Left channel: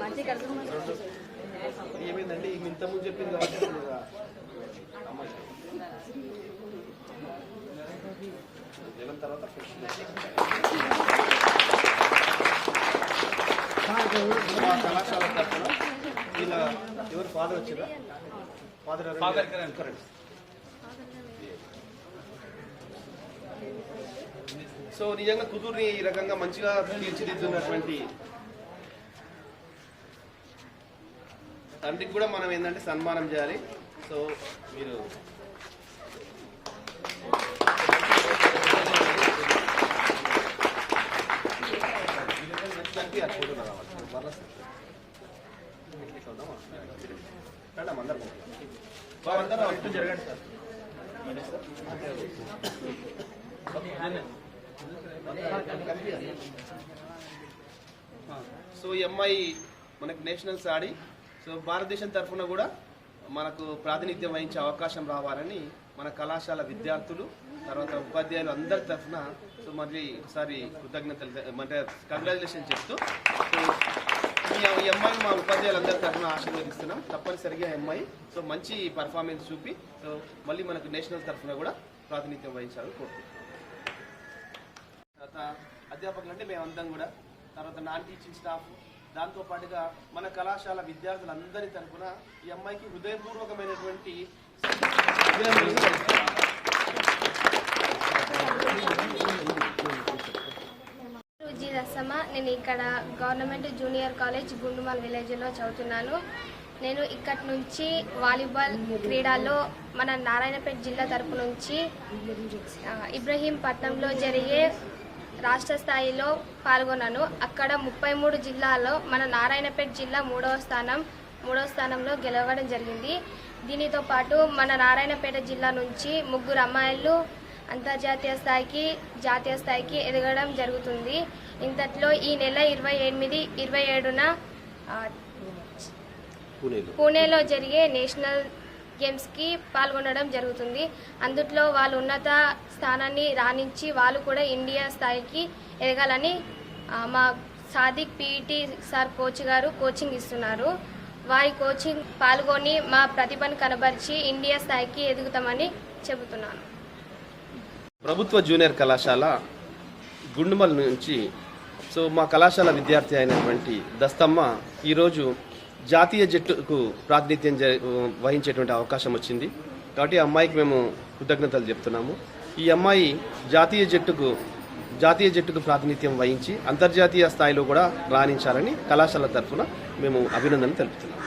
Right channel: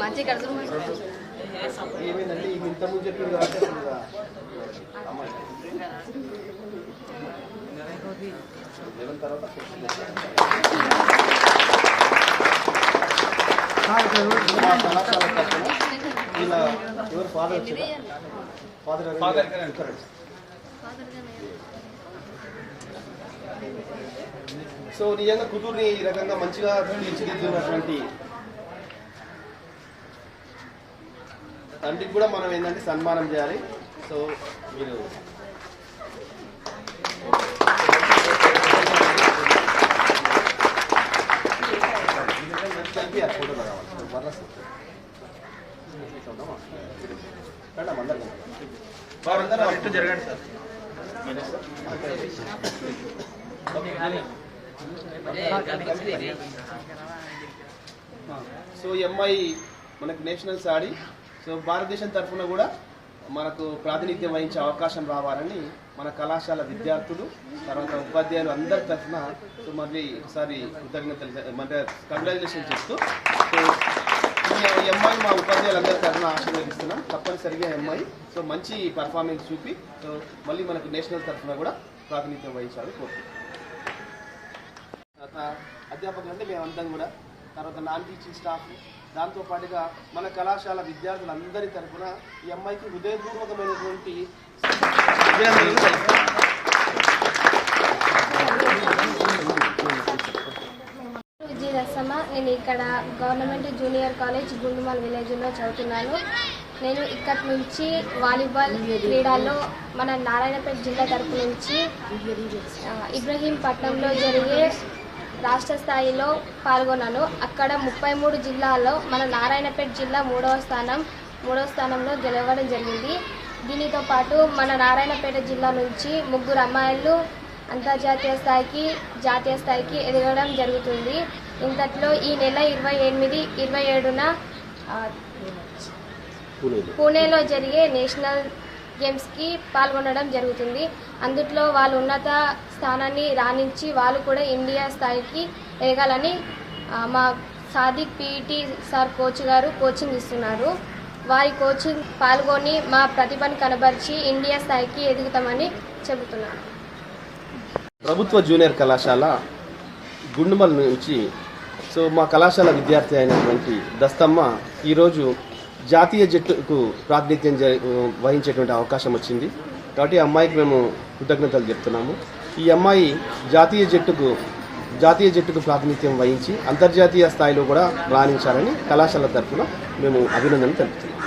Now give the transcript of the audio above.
మంచి ఏమైందండి? ఈమె ఇంత ముందు చెప్పింది కాబట్టి తర్వాత తరఫున వీళ్ళ ఎవరు ఫాదర్ వచ్చారా ఫాదర్ ఫాదర్ కరెక్ట్ సో నిజంగా కూతుర్ని ఈ రకంగా మంచిగా తీర్చిదిద్దున్నటువంటి తండ్రికి కూడా మనం ఏంటంటే సన్మానం చేయాలి. సో మీరు కలిపి ఆ ఫోటోలో రావాలి సో మరలా అందరం జరగండి సార్ ఈ అమ్మాయి మనకు నేషనల్స్ ఆడి సో భారతదేశం తరఫున కూడా మనకు ప్రాతినిధ్యం వహించే అవకాశం రావాలని మన కళాశాల విద్యార్థులు తర్వాత ఉపాధ్యాయులు అందరి తరఫున సో మళ్ళీ ఒకసారి కృతజ్ఞతలు అంటే కంగ్రాచులేషన్ చెప్తూ సో ఈ- అమ్మాయి మా ఉపాధ్యాయులు అందరి తరఫున ఆశీర్వదిస్తున్నాం. తప్పనిసరిగా ఎంఐ అమ్మాయి సో మంచి పర్ఫార్మెన్స్ చూపి సో మళ్ళీ మనకు నేషనల్ తరఫున కూడా ప్రాతినిధ్యం వహించాలని కోరుకుంటున్నాం. తర్వాత అధ్యాపకులు అంటే మేమంతా కూడా తర్వాత నాన్ టీచింగ్ స్టాఫ్ దాంతోపాటుగా మన కళాశాల విద్యార్థులందరి తరఫున ఈ అమ్మాయికి హృదయపూర్వకమైనటువంటి అభినందనలు నేను ఇక్కడ గవర్నమెంట్ జూనియర్ కాలేజ్ గుండుమల్ విలేజ్లో చదువుతున్నాను. నేను ఇక్కడి నుంచి వాలీబాల్ క్రీడల్లో మన నారాయణపేట జిల్లా తరపు నుంచి ఇబ్రహీంపట్నంలో జరిగే రాష్ట్ర స్థాయిలో పాల్గొన్నాను. అక్కడ ముప్పై మూడు జిల్లాల్లో మన నారాయణపేట జిల్లా మూడవ స్థానం మూడవ స్థానంలో గెలవడం జరిగింది. దీనితో పాటు మన నారాయణపేట జిల్లా నుంచి ముగ్గురు అమ్మాయిలు అంతర్జాతీయ స్థాయికి జాతీయ స్థాయికి ఎదగడం జరుగుతుంది. ఇంతట్లో ఈ నెల ఇరవై ఎనిమిది ఇరవై ఏడున పూణేలో జరిగే నేషనల్ గేమ్స్కి పాల్గొనడం జరుగుతుంది. అందుట్లో వాళ్ళు ఉన్నత స్థానాన్ని రాణించి వాళ్ళు కూడా ఇండియా స్థాయికి ఎదగాలని మా సాదిక్ పీఈటీ సార్ కోచ్ గారు కోచింగ్ ఇస్తున్నారు. వారి కోచింగ్ పాల్గొని మా ప్రతిభను కనబరిచి ఇండియా స్థాయికి ఎదుగుతామని చెబుతున్నాను ప్రభుత్వ జూనియర్ కళాశాల గుండుమల్ నుంచి సో మా కళాశాల విద్యార్థి అయినటువంటి దస్తమ్మ ఈరోజు జాతీయ జట్టుకు ప్రాతినిధ్యం జ- వహించేటువంటి అవకాశం వచ్చింది. కాబట్టి అమ్మాయికి మేము కృతజ్ఞతలు చెప్తున్నాము. ఈ అమ్మాయి జాతీయ జట్టుకు జాతీయ జట్టుకు ప్రాతినిధ్యం వహించి అంతర్జాతీయ స్థాయిలో కూడా రాణించాలని కళాశాల తరఫున మేము అభినందనలు తెలుపుతున్నాం.